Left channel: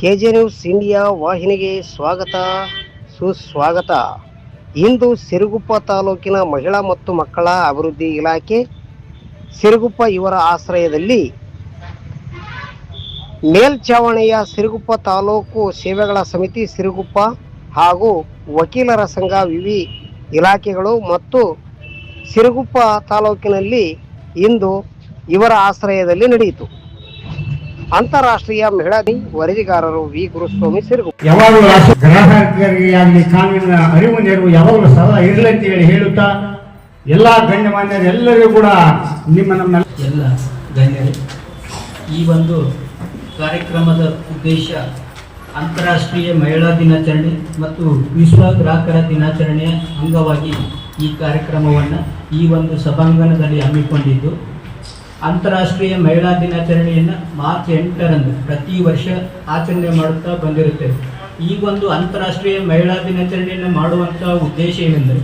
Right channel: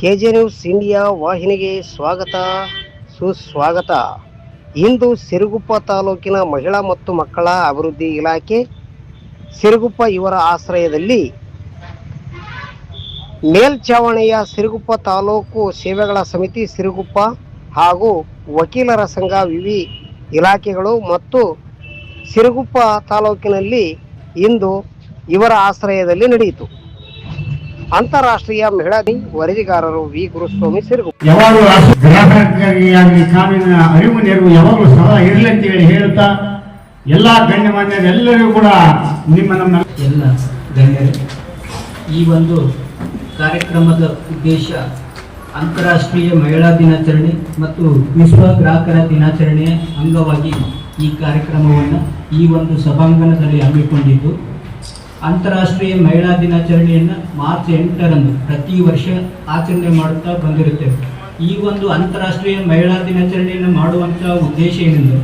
K J news India ವಾಹಿನಿಗೆ ಸ್ವಾಗತ, ಸುಸ್ವಾಗತ. ಇಂದು ಸಿರುಗುಪ್ಪ ತಾಲೂಕಿನ ಮಹಿಳಾ ಮತ್ತು ಮಕ್ಕಳ ಅಭಿವೃದ್ಧಿ ಇಲಾಖೆ ಸಿರುಗುಪ್ಪ ಇವರ ಆಶ್ರಯದಲ್ಲಿ ಮೇಲ್ಚಾವಣಿಯ ಸಿರುಗುಪ್ಪ ತಾಲೂಕು ಸೇವೆಗಳ ಸಮಿತಿ ಸಿರುಗುಪ್ಪ ಹಾಗೂ ವಕೀಲರ ಸಂಘ ವಿವಿ ಇಲಾಖೆಗಳು ಮತ್ತು ಸಿರುಗುಪ್ಪ ತಾಲೂಕಿನಲ್ಲಿ ಇಂದು ಇವರ ಆಶ್ರಯದಲ್ಲಿ ನಡೆಯಿತು. ಅಂತಾರಾಷ್ಟ್ರೀಯ ಮಹಿಳಾ ದಿನ ವರದಿಗಾರರು ವಿ. ಗುರುಸ್ವಾಮಿ ಸಿರುಗು ಯಾವಾಗಲೂ ಗ್ರಾಹಕರಿಗಾಗಲಿ ಕಾನೂನಿನ ಅರಿವು ನೆರವು ಯಾವಾಗಲೂ ಸದಾ ಇರಲಿ ಅಂತ ಹೇಳಿ ಹೇಳುತ್ತಾ ಎಲ್ಲಾ ಗಣ್ಯಮಾನ್ಯರೆಲ್ಲರೂ ಕೂಡ ನಿಮ್ಮ ನಮ್ಮ ಎಲ್ಲ ಧನ್ಯರು ಈ ಒಂದು ಕಾರ್ಯಕ್ರಮದ ಉದ್ದೇಶ ಅಂತಾರಾಷ್ಟ್ರೀಯ ಮಹಿಳಾ ದಿನಾಚರಣೆ ಮತ್ತು ವಿಶ್ವ ಗ್ರಾಹಕರ ದಿನಾಚರಣೆಯ ಅಂಗವಾಗಿ ಈ ಕಾರ್ಯಕ್ರಮವನ್ನು ಈ ಒಂದು ಸಭಾಂಗಣದಲ್ಲಿ ಹಮ್ಮಿಕೊಂಡಿದ್ದು. ಅಂತಾರಾಷ್ಟ್ರೀಯ ಮಹಿಳಾ ದಿನಾಚರಣೆಯನ್ನು ಮಾರ್ಚ್ ಎಂಟರಂದು ಪ್ರತಿ ವರ್ಷ ಆಚರಣೆ ಮಾಡುತ್ತಾ ಬಂದಿರುತ್ತೇವೆ. ಈ ಒಂದು ಅಂತಾರಾಷ್ಟ್ರೀಯ ಮಹಿಳಾ ದಿನಾಚರಣೆಯನ್ನು ಮಾಡುವಂಥ ಉದ್ದೇಶ ಏನೆಂದರೆ,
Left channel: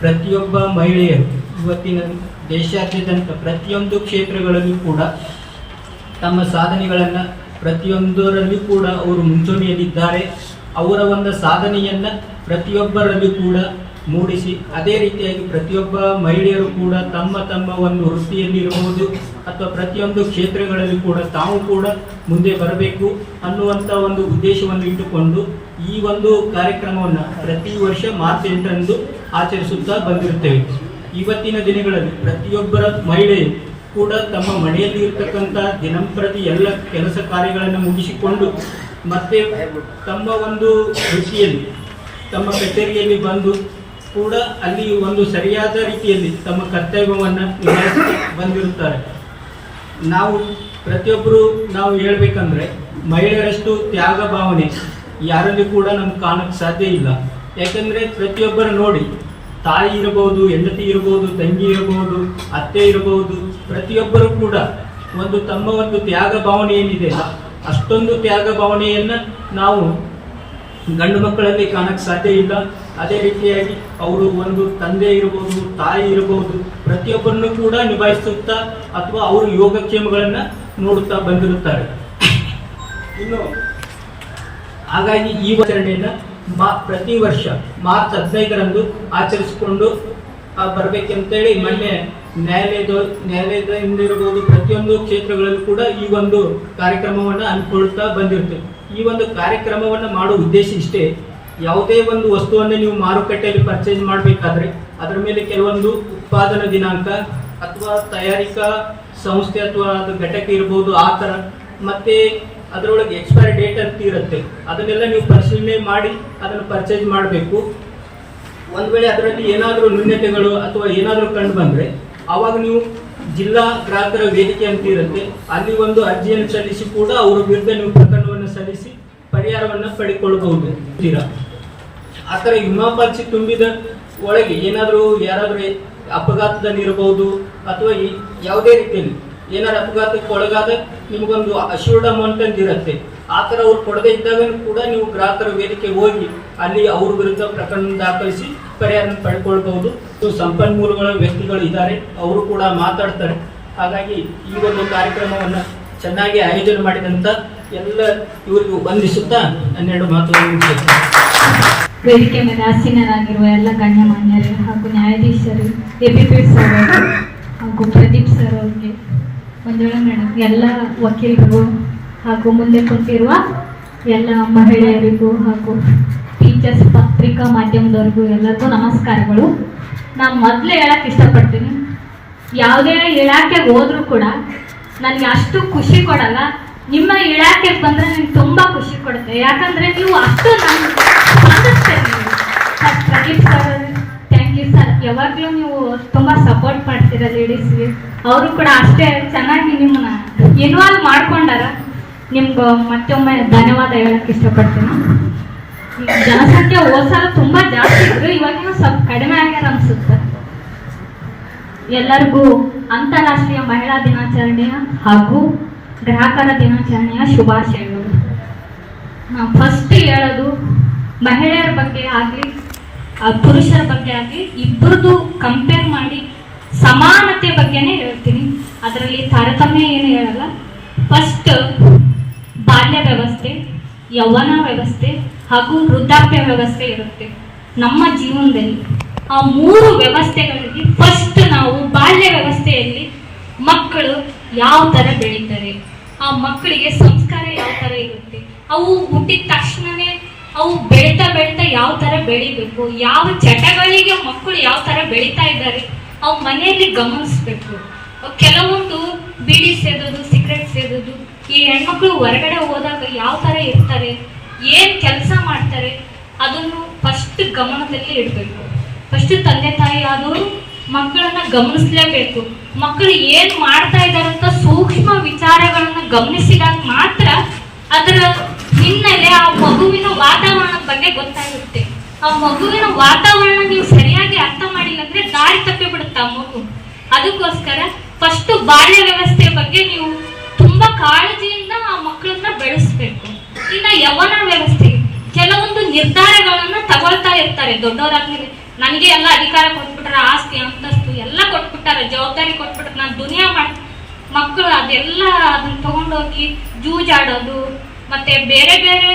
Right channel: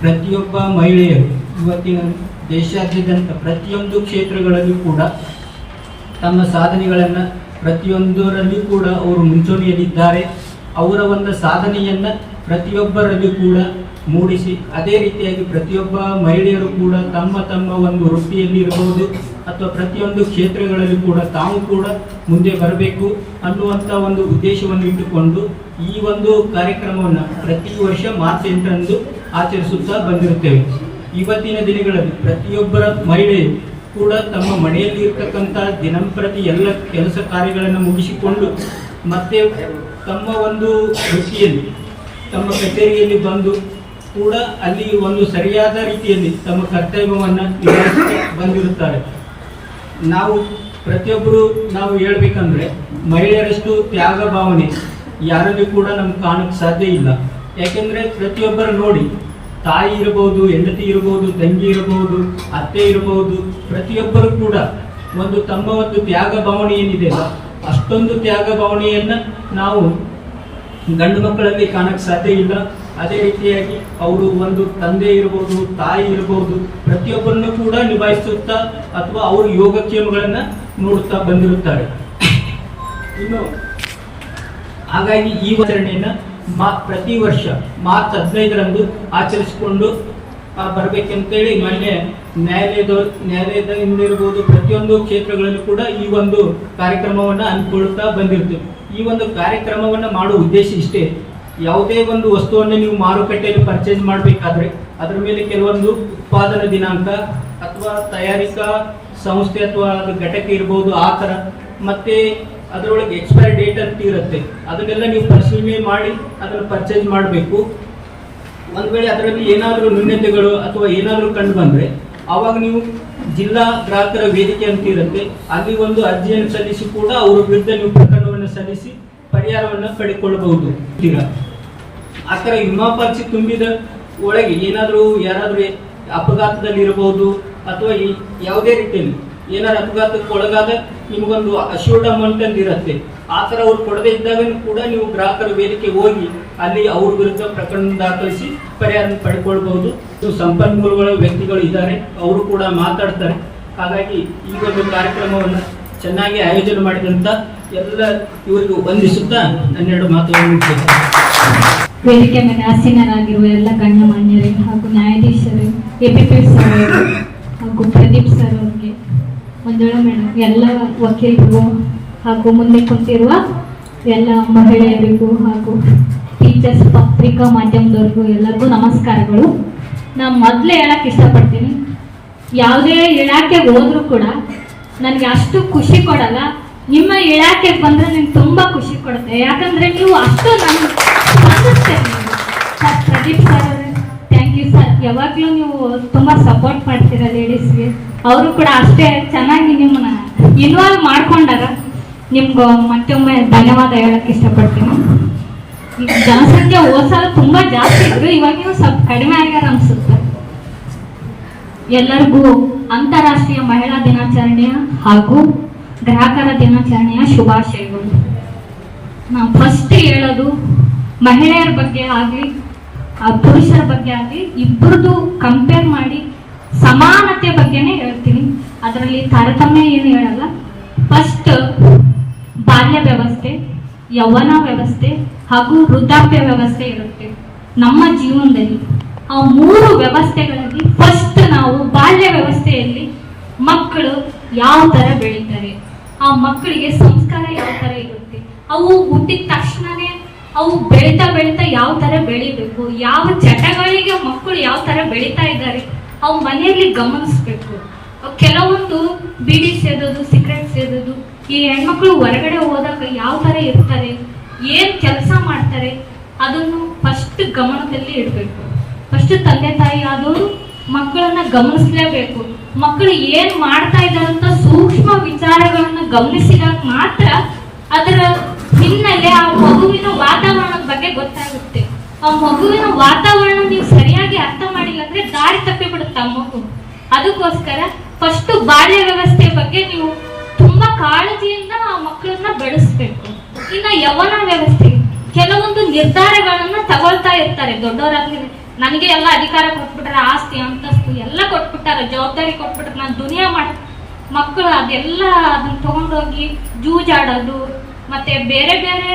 ಪ್ರತಿಯೊಬ್ಬ ಮಹಿಳೆಯರು ಇವತ್ತಿನ ದೇಶಾದ್ಯಂತ ಪ್ರತಿಯೊಂದು ಕ್ಷೇತ್ರಗಳಲ್ಲೂ ಕೂಡ ತಮ್ಮ ಸಾಧನೆಗಳನ್ನು ಪ್ರತಿಯೊಂದರಲ್ಲೂ ಕೂಡ ಅವರು ಮುಂಚೂಣಿಯಲ್ಲಿದ್ದಾರೆ. ಅವರ ಒಂದು ಸಾಧನೆಯನ್ನು ಪ್ರತಿಯೊಬ್ಬರಲ್ಲೂ ಕೂಡ ಮೂಡಿಸಿ. ಅದೇ ರೀತಿಯಾಗಿ ಪ್ರತಿಯೊಬ್ಬ ಮಹಿಳೆಯರು ಕೂಡ ತಮ್ಮ ತಮ್ಮ ಒಂದು ವೃತ್ತಿಯಲ್ಲಿ ಇರಬಹುದು ಅಥವಾ ಪ್ರತಿಯೊಂದು ಕ್ಷೇತ್ರಗಳಲ್ಲಿ ಕೂಡ ತಾವು ಕೂಡ ಮುಂದೆ ಬರಬೇಕು ಅನ್ನುವಂಥ ಒಂದು ಉದ್ದೇಶವನ್ನು ಇಟ್ಟುಕೊಂಡು ಈ ಒಂದು ಕಾರ್ಯಕ್ರಮವನ್ನು ಪ್ರತಿ ವರ್ಷ ಮಾರ್ಚ್ ಎಂಟರಂದು ಆಚರಿಸುತ್ತಾ ಬಂದಿರುತ್ತೇವೆ. ಇವತ್ತಿನ ದಿನಗಳಲ್ಲಿ ಪ್ರತಿಯೊಬ್ಬರ ಮಹಿಳೆ ಕೂಡ ತಮ್ಮ ಮನೆಯಲ್ಲಿ ಇರ್ತಕ್ಕಂಥ ದಿನಂಪ್ರತಿ ಎಲ್ಲ ಕೆಲಸ ಕಾರ್ಯಗಳನ್ನು ಮುಗಿಸಿಕೊಂಡು ಮತ್ತೆ ತಮ್ಮ ಒಂದು ಕೃಷಿಯಲ್ಲಿ ತಮ್ಮ ಕಚೇರಿಯಲ್ಲಿ ಬಂದು ಕೂಡ ಅಲ್ಲಿ ಒಂದು ಸರಿಯಾದ ರೀತಿಯಲ್ಲಿ ತಮ್ಮ ಕರ್ತವ್ಯವನ್ನು ನಿರ್ವಹಿಸಿ ಬಂದಿರುತ್ತಾರೆ. ನಾವು ಪ್ರತಿಯೊಬ್ಬರು ನಾವು ಹೇಳಬೇಕಂದ್ರೆ ಮಹಿಳೆಯರಷ್ಟು ತ್ಯಾಗ ಭಾವನೆ ಯಾರಲ್ಲಿ ಕೂಡ ನಮ್ಗೆ ಕಾಣಕ್ಕೆ ಸಾಧ್ಯ ಇಲ್ಲ. ಯಾಕೆಂದರೆ ಪ್ರತಿಯೊಬ್ಬರ ನೋಡಿ ತಾಯಿ ಇರಬಹುದು, ಹೆಂಡತಿ ಇರಬಹುದು, ತಂಗಿ ಇರಬಹುದು, ಅತ್ತೆ ಇರಬಹುದು, ಪ್ರತಿಯೊಬ್ಬರು ಕೂಡ ಒಂದು ತಮ್ಮ ಒಂದು ತ್ಯಾಗ ಭಾವನೆ ಏನಿದೆ ಅಷ್ಟೊಂದು ತ್ಯಾಗ ಭಾವನೆಯನ್ನ ನಾವು ಗಂಡು ಮಕ್ಕಳಲ್ಲಿ ಕಾಣಕ್ಕೆ ಸಾಧ್ಯ ಇಲ್ಲ. ಅದೇ ರೀತಿಯಾಗಿ ಅವರು ಒಂದು ತಂದೆ ಇರಬಹುದು ತಾಯಿ ಇರಬಹುದು ಪ್ರತಿಯೊಬ್ಬರನ್ನು ಕೂಡ ನಿಭಾಯಿಸುತ್ತಾ ಅಥವಾ ಅವರು ಯೋಗಕ್ಷೇಮಗಳನ್ನ ನೋಡುತ್ತಾ ಬಂದಿರುತ್ತಾರೆ. ಇನ್ನು ಹಾಗಾಗಿ ಈ ಆಚರಣೆಯನ್ನ ಮಾ ಪ್ರತಿ ವರ್ಷ ಮಾರ್ಚ್ ಹದಿನೈದರಂದು ಆಚರಿಸಿಕೊಂಡು ಬರಬೇಕಂತೇಳಿ ಮೊನ್ನೆ ನ್ಯಾಯಾಲಯದ ನ್ಯಾಯಾಲಯದ ಇರಬಹುದು ಪ್ರತಿಯೊಂದು ಕ್ಷೇತ್ರಗಳಲ್ಲಿ ಕೂಡ ಈ ಒಂದು ಕಾರ್ಯಕ್ರಮವನ್ನ ಅನ್ಕೊಳ್ತಾ ಬಂದಿರ್ತೀವಿ ಈ ಒಂದು ಕಾರ್ಯಕ್ರಮವನ್ನ ಮಾಡುವ ಉದ್ದೇಶ ಇಷ್ಟೇ. ಯಾವುದೇ ಒಂದು ವಸ್ತುವನ್ನು ನೀವು ಮಾರುಕಟ್ಟೆಯಲ್ಲಿ ಪರ್ಚೇಸ್ ಮಾಡಬೇಕಾದ್ರೆ ಅದರ ಮೇಲೆ ಕೆಲವೊಂದು ಉತ್ಪಾದನಾ ದಿನಾಂಕ ಅಥವಾ ತಯಾರಿಕಾ ಸಂಸ್ಥೆ ಅಥವಾ ಅದು ಘಟಕ ಇರಬಹುದು ಆ ಥರ. ಮತ್ತೆ ಅದರೊಳಗೆ ಎಕ್ಸ್ಪೈರಿ ಡೇಟ್ ಅಂತ ಇರುತ್ತೆ. ಅದನ್ನೆಲ್ಲ ನೀವು ಪರಿಶೀಲನೆ ಮಾಡಿ ಅದನ್ನು ಪರ್ಚೇಸ್ ಮಾಡಬೇಕು. ಒಂದು ವೇಳೆ ಅದರಲ್ಲಿ ಏನಾದರೂ ನ್ಯೂನ್ಯತೆಗಳು ಅಥವಾ ಏನಾದರೂ ಕಂಡು ಬಂದರೆ ಅವಾಗ ನೀವು ಜಿಲ್ಲಾ ಗ್ರಾಹಕರ ವೇದಿಕೆ ಅಂತ ಇರುತ್ತೆ. ಅಲ್ಲಿ ಒಂದು ಅರ್ಜಿಯನ್ನು ಸಲ್ಲಿಸಿ ಕೂಡ ಅವರ ವಿರುದ್ಧ ನೀವು ಪ್ರಕರಣವನ್ನು ಸಲ್ಲಿಸಿ ಪರಿಹಾರವನ್ನು ಪಡೆದುಕೊಳ್ಳಬಹುದು. ಆ ಥರ ವಿಮಾ ಪಾಲಿಸಿ ತುಂಬಿದ ಒಳಗೆ ಏನಾದರೂ ಯಾರಾದರೂ ಅಪಘಾತದಲ್ಲಿ ಇರಬಹುದು ಅಥವಾ ಯಾವುದೇ ರೀತಿಯಲ್ಲಿ ಏನಾದ್ರು ಅಪಘಾತಕ್ಕೆ ಒಳಗಾದ ನಿಮಗೊಂದು ಅಶ್ಯೂರ್ಡ್ ಅಮೌಂಟ್ ಅಂತ ಇರುತ್ತೆ. ಆ ಥರ ಅವ್ರು ಕೊಡದೇ ಇದ್ದಾಗ ಕೂಡ ನೀವು ಗ್ರಾಹಕರ ವೇದಿಕೆ ಹೋಗಿ ಅಲ್ಲಿ ಅವ್ರ ವಿರುದ್ಧ ಪ್ರಕರಣ ದಾಖಲಿಸಿ ಪರಿಹಾರ ಪಡ್ಕೊಳ್ಬಹುದು. ಸಂಪನ್ಮೂಲಗಳ ವ್ಯಕ್ತಿಗಳು ಇದ್ದಾರೆ, ಅವರು ಕೂಡ ಮಾತಾಡ್ತಾರೆ. ಹಾಗಾಗಿ ಈ ಒಂದು ಕಾರ್ಯಕ್ರಮವನ್ನು ಚೆನ್ನಾಗಿ ಆಯೋಜನೆ ಮಾಡಿದಂತ ಎಲ್ಲ ಇವರಿಗೂ ವಂದಿಸುತ್ತಾ ನನ್ನೆರಡು ಮಾತುಗಳನ್ನು. ವೇದಿಕೆ ಮೇಲೆ ಆಸೀನರಾಗಿರುವ ಎಲ್ಲ ಗಣ್ಯಮಾನ್ಯರಿಗೆ ಹಾಗೂ ನ್ಯಾಯಾಧೀಶರು ಎ ಪಿ ಪಿ ಸರ್ ಹಾಗೂ ಪ್ರದೀಪ್ ಸರ್ ಅವರಿಗೆ ಒಂದೊಳ ಮೇಡಮ್ ಎಲ್ಲ ವಕೀಲರಿಗೂ ಹಾಗೂ ಮುಂದೆ ಕುಂತಿರುವ ಎಲ್ಲ ಮಹಿಳೆಯರಿಗೂ ಹಾಗೂ ಟೀಚರ್ಸ್ ಪತ್ರಿಕಾ ಮಾಧ್ಯಮದವ್ರಿಗೂ ಎಲ್ಲರಿಗೂ ನಮಸ್ಕಾರಗಳು. ನಾನು ಮೊದಲೇ ಹೇಳಕ್ಕೆ ಇಷ್ಟಪಡ್ತೀನಿ. ಯಾವುದೇ ಇಲಾಖೆಗೆ ಹೋದ್ರೂ ಕೂಡ ನನಗೆ ಅಷ್ಟು ಖುಷಿ ಕೊಡಲ್ಲ. ನಿಮ್ಮ ಇಲಾಖೆಗೆ ಬಂದರೆ ನಿಮ್ಗೆ ತುಂಬ ಖುಷಿ ಕೊಡುತ್ತೆ. ಯಾಕಂದರೆ ನೀವು ಅಷ್ಟು ನನ್ ಯಾವಾಗಲೂ ನೀವು ತುಂಬಾ ಸಪೋರ್ಟ್ ಮಾಡ್ತೀರಾ ಲೇಡೀಸ್ಗೆ ಅವರು ಕೂಡ ಅಷ್ಟೇ ಚೆನ್ನಾಗಿ ನಿಮ್ಮನ್ನ ಇನ್ವಾಲ್ವ್ ಮಾಡ್ಕೊಂಡಾರ. ನಿಮ್ಗೆ ಮತ್ತೊಮ್ಮೆ ಧನ್ಯವಾದ ಹೇಳಕ್ ಇಷ್ಟಪಡ್ತೀನಿ. ಜನಸಂಖ್ಯೆ ಹೋದ್ಸಲ ತುಂಬಾ ಜಾಸ್ತಿ ಇದ್ರು ಇವಾಗಿನೂ ಸ್ವಲ್ಪ ಕಡಿಮೆ ಆಗ್ಯಾರ ಅನ್ಸುತ್ತೆ. ಎಲ್ಲರಿಗೂ ಅಂತಾರಾಷ್ಟ್ರೀಯ ಮಹಿಳಾ ದಿನಾಚರಣೆಯ ಹಾಗೂ ಗ್ರಾಹಕರ ದಿನಾಚರಣೆಯ ಶುಭಾಶಯಗಳು. ನಾವು ಫಸ್ಟ್ ಹೇಳೋದು ಮಹಿಳೆಯರ ಬಗ್ಗೆ ಆಗಲಿ ಪುರುಷರ ಬಗ್ಗೆ ಆಗಲಿ ಇಬ್ಬರದು ಕಂಪೇರ್ ಮಾಡಿ ಸಮಾನತೆ ಬಗ್ಗೆನೇ ಹೇಳ್ತೀನಿ. ಅದರಲ್ಲಿ ತಾರತಮ್ಯ ಏನು ಹೇಳಲ್ಲ. ಫಸ್ಟ್ ಬಾಲ್ಯ ವ್ಯವಸ್ಥೆ, ಯೌವನ ವ್ಯವಸ್ಥೆ ಹಾಗೂ ವೃದ್ಧಾಪ್ಯ ವ್ಯವಸ್ಥೆ ಇರುತ್ತೆ. ನಮ್ಮ ಜೀವನದಲ್ಲಿ ಆ ಮೂರು ವ್ಯವಸ್ಥೆಗಳಲ್ಲಿ ಫಸ್ಟ್ ನಾವು ಬಾಲ್ಯ ವ್ಯವಸ್ಥೆಯಲ್ಲಿ ಮಕ್ಕಳು ಯಾವ ತರ ಬೆಳೀತಾರೆ, ಆ ಮಕ್ಕಳಿಗೆ ಸಂಸ್ಕಾರ ಯಾವ ತರ ಇರುತ್ತೆ, ಅವು ಹುಟ್ಟಿದ ತಕ್ಷಣವೇ ಅವು ಬೆಳೀತಾ ಬೆಳೀತಾ ಯಾವ ತರ ಬೆಳಿಬೇಕು, ಯಾವ ಚಟಗಳಿಗೆ ಮಕ್ಕಳು ಯಾವ ತರ ಬೆಳೀತಾ ಇದ್ದಾರೆ, ಅವು ಮನೆಯಲ್ಲಿ ಗಮನಿಸ್ಬೇಕು. ಕೆಲವೊಂದು ಬಿಡಿ ಸೇದೋದು, ಸಿಗರೆಟ್ ಸೇದೋದು, ಈ ಹೆಣ್ಮಕ್ಳು ಹೊರಗಡೆ ಹೋದಾಗ ಯಾವ ತರ ಇರ್ತಾರೆ, ಏನು ಕೆಲಸ ಮಾಡ್ತಾರೆ, ಅದನ್ನು ಫಸ್ಟ್ ಗಮನದಲ್ಲಿ ಇಡಬೇಕು. ಫಸ್ಟ್ ತಂದೆ ತಾಯಿ ಆದವರು ಮಕ್ಕಳನ್ನ ಗಮನಿಸ್ಲೇಬೇಕು. ಮಕ್ಕಳು ಏನ್ ಮಾಡ್ತಾ ಇದ್ದಾರೆ ಅಂತ ಸೂಕ್ಷ್ಮ ವಿಚಾರಗಳನ್ನ ಗಮನಿಸಿದಾಗ ಮಾತ್ರ ಅದರ ಹಿನ್ನೆಲೆ ಆ ವಾತಾವರಣದ ಬಗ್ಗೆ ಗೊತ್ತಾಗುತ್ತೆ. ಆ ಮಗುವಿನ ವಾತಾವರಣ ನೀವು ಸರಿಯಾಗಿ ಅರ್ಥ ಮಾಡಿಲ್ಲ ಅಂದ್ರೆ ದಾರಿ ತಪ್ಪಿ ಬಿಡುತ್ತೆ ಮಗು. ಅದಕ್ಕೋಸ್ಕರ ಫಸ್ಟ್ ಬಾಲ್ಯ ವ್ಯವಸ್ಥೆ ಬಗ್ಗೆ ನೀವು ತುಂಬಾ ಕಾಳಜಿಯಿಂದ ಆ ಮಕ್ಕಳನ್ನ ಬೆಳೆಸ್ಬೇಕು. ಇನ್ನ ಯವನ ವ್ಯವಸ್ಥೆ. ಕೆಲವೊಂದು ನಿರ್ಧಾರಗಳನ್ನ ತಗೊಳ್ತಾ ಇರ್ತಾರೆ. ದೊಡ್ಡವರಾಗಿ ನನಗೆ ಎಲ್ಲ ಅಧಿಕಾರ ಕೊಟ್ಬಿಟ್ರ ಆಸ್ತಿ, ಅಂತಸ್ತು ಎಲ್ಲ ಕೊಟ್ಬಿಟ್ಟಾರೆ, ಜವಾಬ್ದಾರಿ ಕೊಟ್ಬಿಟ್ರೆ ನಾನು ದುನಿಯಾ ಮಾಡಿ ಮಕ್ಕಳು ಅದೆಲ್ಲ ಅದನ್ನ ತಗೊಂಡೋಗಿ ಜೂಜಾಡೋದು, ಮತ್ತೆ ಬೇರೆ ಬೇರೆ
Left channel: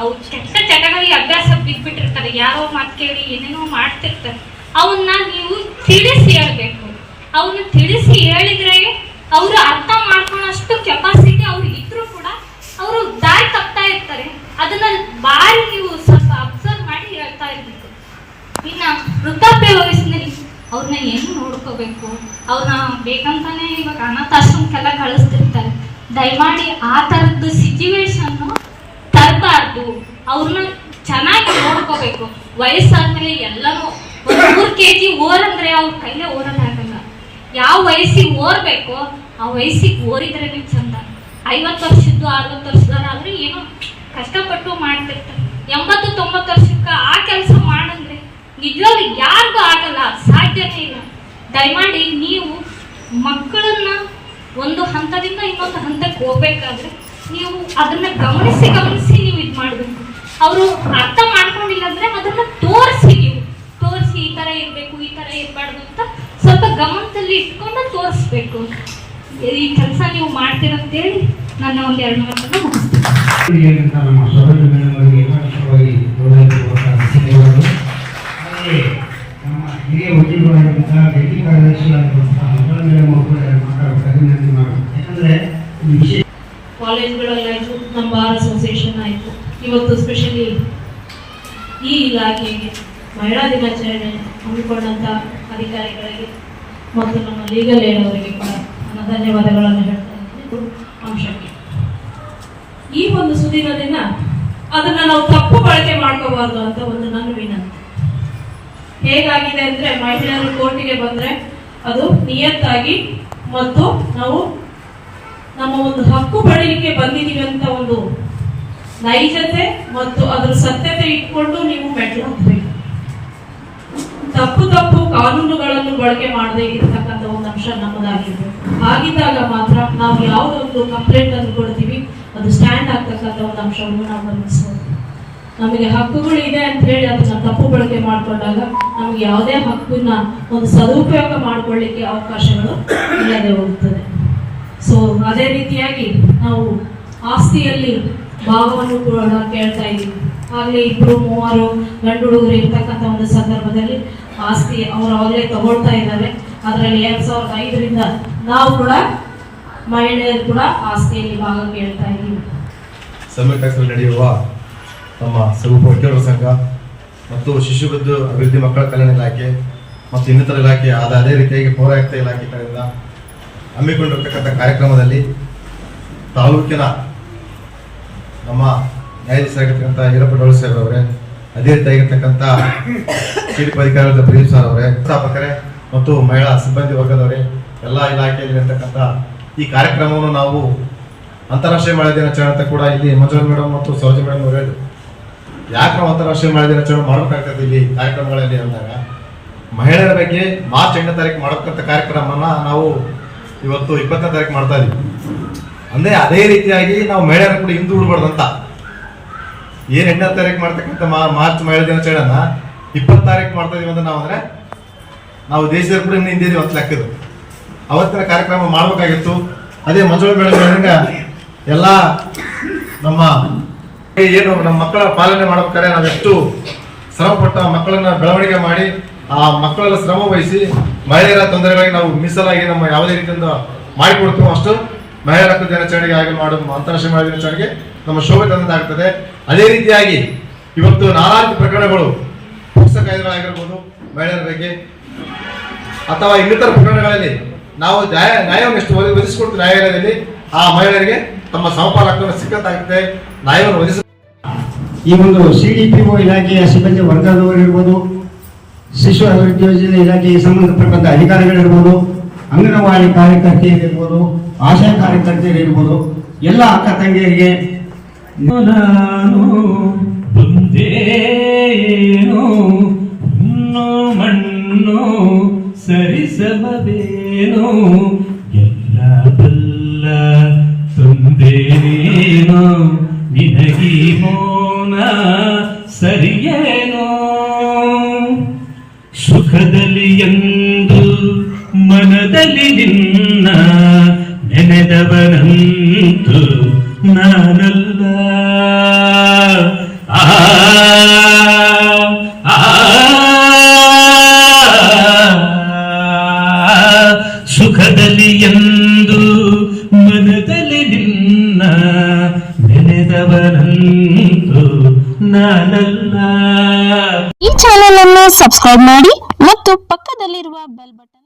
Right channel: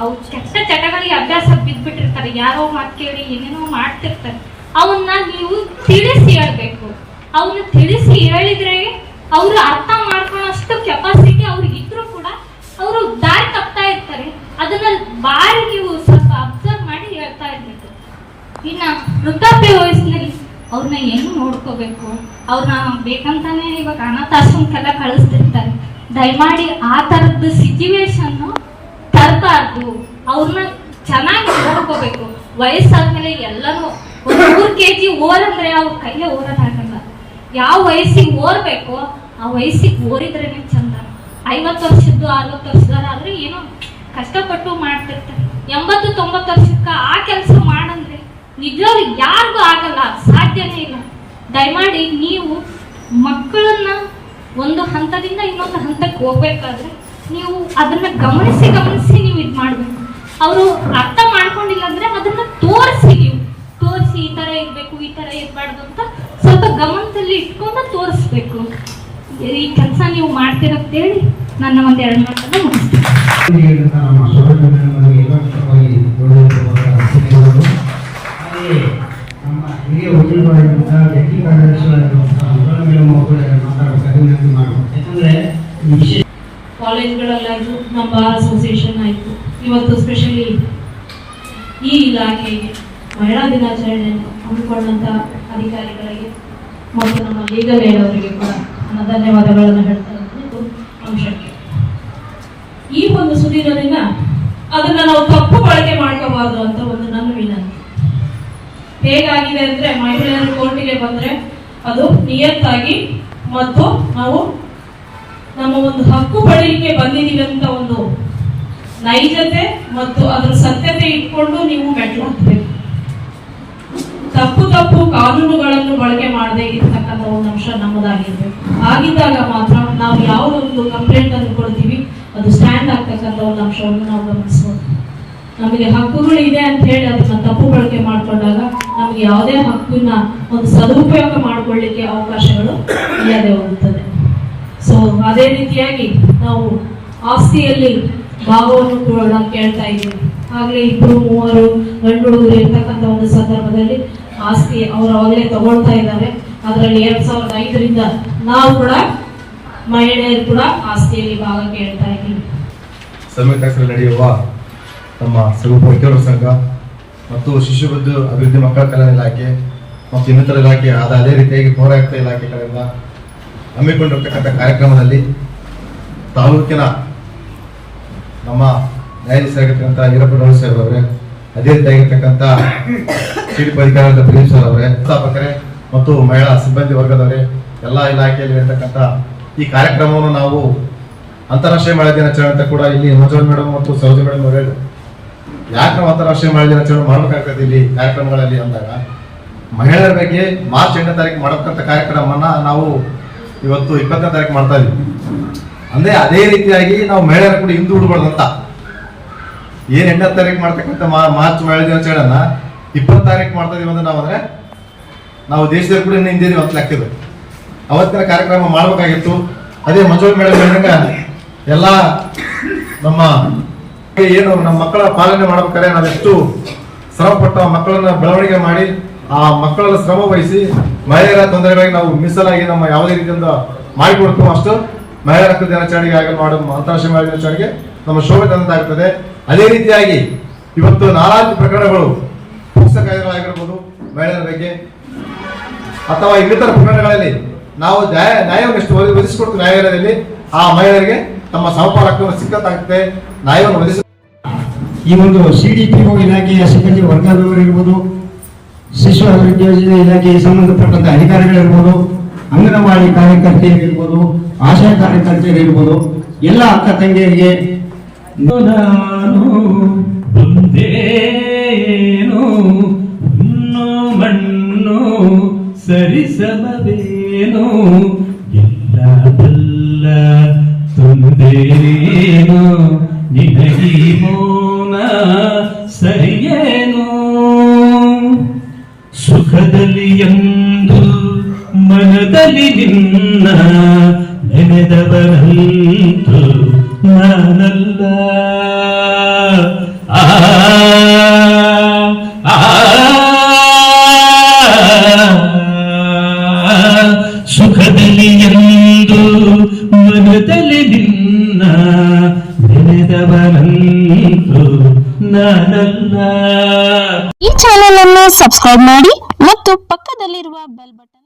ಅವು ಕೆಟ್ಟ ಚಟಗಳಿಗೆ ಅಭ್ಯಾಸ ಬಿದ್ಬಿಟ್ಟಿರ್ತಾರೆ. ಯಾರೋ ಮಾತು ಕೇಳಿ ಏನೇನೋ ಮಾಡ್ತಿರ್ತಾರೆ. ಅವನ್ನ ನೀವು ತಿಳಿಸಿ ಹೇಳ್ಬೇಕು. ಅವನ್ನ ತಿಳಿಸಿ ಹೇಳಿದ್ರೆ ಅವರು ಅರ್ಥ ಮಾಡ್ಕೊಳ್ಳೋಷ್ಟು ಕೆಪಾಸಿಟಿ ಅವ್ರಿಗೆ ಇದ್ರೂ ಕೂಡ ಅವರು ದಾರಿ ತಪ್ತಾ ಇರ್ತಾರೆ. ಅದನ್ನ ಬಾರಿ ನೀವು ಸ್ವಲ್ಪ ಅಬ್ಸರ್ವ್ ಮಾಡಿ ಹೇಳ್ತಾ ಇರ್ಬೇಕು. ಇನ್ನ ವೃದ್ಧಾಪ್ಯ ವಯಸ್ಸಿನಲ್ಲಿ ಅವ್ರನ್ನ ಏನು ನೋಡ್ಕೋಬೇಕು? ಅವ್ರನ್ನ ಬೇಕಂತಾನೆ ಇವಾಗ ಅನಾಥಾಶ್ರಮಕ್ಕೆಲ್ಲ ಕಳಿಸ್ತಿರ್ತಾರೆ. ದಯಮಾಡಿ ಆ ಥರದ್ದು ಸಿಚುವೇಶನ್ ತರಬಾರ್ದು ಅವ್ರನ್ನ ಚೆನ್ನಾಗಿ ನೋಡ್ಕೋಬೇಕು. ವಯಸ್ಸಾದ್ಮೇಲೆ ಎಲ್ಲನೂ ಒಂದು ಮೂರು ಕೆ ಜಿ ಓರಂದ್ರೆ ಅವ್ರ ಕೈಲೇ ಓದೋದಾಗಲ್ಲ ಯಾವ ವಯಸ್ಸಿಗೆ ಓರ್ಬೇಕು ಆ ವಯಸ್ಸಿಗೆ ಓರಿದ್ರೇನೆ ಚಂದ. ಐವತ್ತು ವರ್ಷದ್ದು, ಅರವತ್ತು ವರ್ಷದವ್ರು ಆದ್ರೆ ಏನೋ ಕಷ್ಟಪಟ್ಟು ಮಾಡ್ತಿರ್ತಾರೆ. ಎಂಬತ್ತು, ತೊಂಬತ್ತು ವರ್ಷಕ್ಕೆ ಆ ಕೆಲಸ ಮಾಡಂದ್ರೆ ನಿಜವಾಗ್ಲೂ ಯಾರಿಗೂ ಆಗಲ್ಲ, ಸಾಧ್ಯನೇ ಇಲ್ಲ. ದಯಮಾಡಿ ನೀವು ಮಕ್ಕಳನ್ನ ಒಂದು ಹಂತದಿಂದ ಇನ್ನೊಂದು ಹಂತಕ್ಕೆ ಹೋಗ್ಬೇಕಾದ್ರೆ ನೀವು ಅದನ್ನ ಗಮನಿಸಿ ಗಮನಿಸಿ ಅವರು ಅರ್ಥ ಮಾಡ್ಕೊಂಡಿಲ್ಲ ಅಂದ್ರೆ ಅದನ್ನ ತೋರಿಸಿ ನೀವು. ತೋರಿಸಿ ಈ ತರ ಇರ್ಬೇಕು, ಈ ತರ ಇರಬಾರ್ದು ಅಂತ ಸ್ವಲ್ಪ ಗಮನದಲ್ಲಿ ಇಟ್ಕೊಂಡು ತೋರಿಸ್ಬೇಕು ಈ ಕೆಲಸ ನೀವು ಮಾಡ್ತಿರಂತೇಳಿ ನನ್ನ ಒಂದ್ ಎರಡು ಮಾತನ್ನ ಮುಗಿಸ್ತೀನಿ. ಇವತ್ತು ಸ್ಪೆಷಲಿ ಈ ಇಲಾಖೆಗೆ ಮಹಿಳಾ ದಿನಾಚರಣೆ ಹಮ್ಮಿಕೊಂಡಂತ ಅಧಿಕಾರಿಗಳಿಗೆ ಮತ್ತು ನಮ್ಮ ಲೀಗಲ್ ಏಡ್ ಅವರಿಗೆ ಕೂಡ ನನ್ನ ಧನ್ಯವಾದಗಳನ್ನು ಹೇಳ್ತಾ ಇದ್ದೀನಿ. ಇದು ಅಂಶಕ್ಕೆ ಈ ಒಂದು ಸುದಿನ ದಿನ ಅದನ್ನ ನಾವು ತಪ್ಪು ಬಳಕೆ ಮಾಡ್ಕೋಬಾರ್ದು ಅಂತ ಒಂದು ನನ್ನ ವಿನಂತಿ ಹೇಗಾಗಿದೆ ಅಂದ್ರೆ ಮಹಿಳೆಯರು ಕೋರ್ಟಿಗೆ ಬಂದ್ರೆ ಅದು ನಿಯತ್ತಾಗಿ ಮತ್ತು ನಾವು ನಮ್ಮ ಒಂದು ಹಕ್ಕು ಪಡೀಲಿಕ್ಕೆ ಬಂದಿದ್ದೀವಿ ಅಂತ ಒಂದು ನೈಜತೆ ಮತ್ತು ಅದರ ಸತ್ಯತೆ ಇಟ್ಕೊಂಡು ನೀವು ಮೆಟ್ಲು ತಪ್ಪು ತಪ್ಪು ಕಾನೂನುಗಳನ್ನು ಬಳಕೆ ಮಾಡದೇ ಇರತಕ್ಕಂಥ ಒಂದು ಅಂಶ ನಮ್ಮದಾಗಿರ್ಬೇಕು. ಆಗಿದ್ದಾಗ ಮಾತ್ರ ನಾವು ಯಾವುದೊಂದು ಕಂಪ್ಲೇಂಟ್ ಅನ್ನು ಕೊಡ್ತೀವಿ, ಅದು ಸ್ಟ್ಯಾಂಡ್ ಆಗ್ತಕ್ಕಂಥ ಒಂದು ಅಂಶವನ್ನು ನಾವು ಗಮನಿಸಬಹುದು ನಮಗೆ ಹಕ್ಕುಗಳು ಇದೆ ಅಂತ ಹೇಳಿ ಅದನ್ನ ತಪ್ಪು ಬಳಕೆ ಮಾಡಿಕೊಂಡಾಗ ನಮಗೆ ಯಾವುದೇ ಹಕ್ಕನ್ನ ಒಂದು ಸದುಪಯೋಗ ಮಾಡಿಕೊಳ್ಳಿಕ್ಕೆ ಅವಕಾಶಗಳು ಇಲ್ಲದೆ ಹೋಗುತ್ತದೆ. ಸೊ ಅದೇ ರೀತಿಯಾಗಿ ನಾವು ಆಸ್ತಿಯಲ್ಲಿ ಭಾಗವನ್ನು ಕೂಡ ಕೇಳ್ತಾ ಇದ್ದೀವಿ ಆಗಲೇ ಇಬ್ಬರು ಮೂವರು ಗಂಡು ಹುಡುಗರು ಇರ್ತಕ್ಕಂಥ ಒಂದು ಸಂದರ್ಭದಲ್ಲಿ ಆಸ್ತಿ ಅವರು ಆಗಲೇ ತಗೊಳ್ತಾ ಇದ್ದಾರೆ ಅದರಲ್ಲಿ ಎರಡು ಸಾವಿರದ ಐದರಿಂದ ನಾವು ಕೂಡ ಮಹಿಳೆಯರು ಕೂಡ ಆಸ್ತಿಯಲ್ಲಿ ಭಾಗ ಕೇಳ್ತಾ ಇದ್ದೀವಿ. ಸಂಯುಕ್ತದಲ್ಲಿ ನಡೆಯುವ ನಮ್ಮ ವಕೀಲರ ಸಂಘ ಮತ್ತು ಶಿಶುಬದ್ದು ಅಭಿವೃದ್ಧಿ ಮಕ್ಕಳ ಕಲ್ಯಾಣ ಇಲಾಖೆ ಮತ್ತು ಇನ್ನಿತರ ಇಲಾಖೆ ಆದ ಅದೇ ರೀತಿಯಾಗಿ ಪೌರಾಯುಕ್ತ ಇಲಾಖೆ ಕಡೆಯಿಂದ ಹಮ್ಮಿಕೊಂಡಿರ್ತಕ್ಕಂಥ ಕಾರ್ಯಕ್ರಮದಲ್ಲಿ ತಾಲೂಕಿನ ನಮ್ಮ ನ್ಯಾಯಾಧೀಶರಾಗಿರ್ತಕ್ಕಂಥ ಈರಪ್ಪ ಡೋಳಿ ಸಾಹೇಬ್ ಅವರೇ ಅದೇ ರೀತಿಯಾಗಿರ್ತಕ್ಕಂಥ ಸಿಡಿ ಅಧಿಕಾರಿಯಾದ ಪ್ರದೀಪ್ ಸರ್ ಅವರೇ ಸ್ಥಾಪಕರೇ ಮತ್ತು ಮಹಿಳಾ ಸಿಬ್ಬಂದಿ ವರ್ಗದವರೇ, ಎಲ್ಲ ಇಲಾಖೆಯಲ್ಲಿ ಇರತಕ್ಕಂಥ ಈ ಕಾರ್ಯಕ್ರಮವನ್ನು ನಾವು ಅಂತಾರಾಷ್ಟ್ರೀಯ ಮಹಿಳಾ ದಿನಾಚರಣೆ ಅಂತ ಕೂಡ ಇಲ್ಲಿ ಮಂಜುಳಾ ಮೇಡಮ್ ಮತ್ತು ಸರೋಜ ಮೇಡಮ್ ಅವರು ಹೇಳಿದ್ರು. ಯಾಕೆ ನಾವು ಅಂತಾರಾಷ್ಟ್ರೀಯ ಮಹಿಳಾ ದಿನಾಚರಣೆ ಮಾಡಬೇಕಾಗ್ತದೆ ಇಲ್ಲಿ ಕಾರ್ಯಕ್ರಮಗಳಲ್ಲಿ ಅಂದಾಗ? ಮಹಿಳೆಯರ ಬಗ್ಗೆ ಮಾರ್ಚ್ ಎಂಟನೇ ತಾರೀಕು ಮಾಡತಕ್ಕಂಥ ಕಾರ್ಯಕ್ರಮನ ನಾವು ಇವತ್ತು ಇಪ್ಪತ್ತನೇ ತಾರೀಕು ಮಾಡ್ತಾ ಇದೀವಿ. ಅಂದ್ರೆ ಅದೇ ರೀತಿಯಾಗಿ ನಾವು ಮಹಿಳೆಯರ ಕೂಡ ಹಿಂದೂ ಉಡ್ಬಾರ್ದು ಅಂತ. ಏನ್ ಎಂಟನೇ ತಾರೀಕು ಮಾಡ್ತಕ್ಕಂಥ ಮಾರ್ಚ್ ಮಹಿಳಾ ದಿನಾಚರಣೆನ ಇಪ್ಪತ್ತು ತಾರೀಕು ಮಾಡ್ತಾ ಇದೀವಿ ಅಂದ್ರೆ ನಾವು ಅಂದ್ರೆ ನಾವು ದೇಶದ ಕೂಡ ಇನ್ನು ಹಿಂದಿದೀವಿ ಅಂತ ಲೆಕ್ಕಿದ್ರು ಅವತ್ತಿನ ಕಾರ್ಯಕ್ರಮ ಮಾಡ್ಬೇಕಾಗಿತ್ತು. ಅದೇ ಮಂಜುಳಾ ಹೇಳಿದಂಗ ಎಲ್ಲ ನಮ್ಮ ಏನು ನಮ್ಮ ಮಕ್ಕಳ ಪಾಲನೆ ಮಾಡ್ಬೇಕಾದ್ರೆ ನಾವೆಷ್ಟು ಶ್ರಮಪಟ್ಟು ಆ ಮಕ್ಕಳನ್ನ ಬೆಳವಣಿಗೆ ಮಾಡಿ ಆ ಮಕ್ಕಳನ್ನ ಶ್ರಮ ವಹಿಸಿ ಮಹಿಳೆಯರ ತೊಂದರೆಗಳಿಗೆ ನಾವು ಮೀಸಲಾಗಿ ನಮ್ಮ ಯಾವುದೇ ರೀತಿಯಿಂದ ಮಾಡಿಕೊಡ್ತೀವೋ ಅಷ್ಟು ಹಕ್ಕು ದಿನಾಚರಣೆಗೆ ಆಗಿ ಮಾಡುವ ಅಂತಾರಾಷ್ಟ್ರೀಯ ಮಹಿಳಾ ದಿನಾಚರಣೆಗೆ ನಮ್ಮ ಶೋಭೆ ತಂದಾಗ್ತದೆ ಅದೇ ರೀತಿಯಾಗಿ ಇವತ್ತು ನಾಲ್ಕು ಪ್ರಕರಣಗಳು ಪುಸ್ತಕ ಆಗಿರ್ಬೋದು ಮಹಿಳೆಯರ ಬಗ್ಗೆ, ಅಥವಾ ಇನ್ನಿತರ ಪ್ರಕರಣಗಳಲ್ಲಿ ನಾವು ನ್ಯಾಯ, ನ್ಯಾಯವನ್ನು ಒದಗಿಸಿಕೊಡ್ತೀವಿ ನ್ಯಾಯಾಲಯದಲ್ಲಿ, ಆ ಮಹಿಳೆಯರಿಗೆ ತಮ್ಮ ಸಮಪಾಲ ಹಕ್ಕನ್ನು ಸಿಕ್ಕತ್ತಾಗುತ್ತೆ ನ್ಯಾಯವನ್ನು ಒದಗಿಸ ಈ ಒಂದು ಸಿ ಡಿ ಪಿ ಒ ಇಲಾಖೆಯ ಸಿಬ್ಬಂದಿ ವರ್ಗದವರಿರ್ಬೋದು ಶಿಶು ಅಭಿವೃದ್ಧಿ ಯೋಜನೆ ಇಲಾಖೆಗೆ ಸಂಬಂಧಪಟ್ಟಂತ ಅಧಿಕಾರಿಗಳಿರ್ಬೋದು, ಅಂಗನವಾಡಿ ಕಾರ್ಯಕರ್ತೆಯರಿರ್ಬೋದು ಆಶಾ ಹೇಳ್ಬೋದು ಎಲ್ಲ ಅಕ್ಕ ತಂಗಿಯರಿಗೆ ಮಣ್ಣು ಸರಿಸಮದೇನು ನಾನಲ್ಲ ಸುಖದಲ್ಲಿ ಎಂದು ಮನದಲ್ಲಿ ನಿನ್ನ ಈ ಚಾನೆಲ್ ಅನ್ನು ಸಬ್ಸ್ಕ್ರೈಬ್ ಮಾಡಿ ಮತ್ತು ಪಕ್ಕದಲ್ಲಿರುವ ಬೆಲ್ ಬಟನ್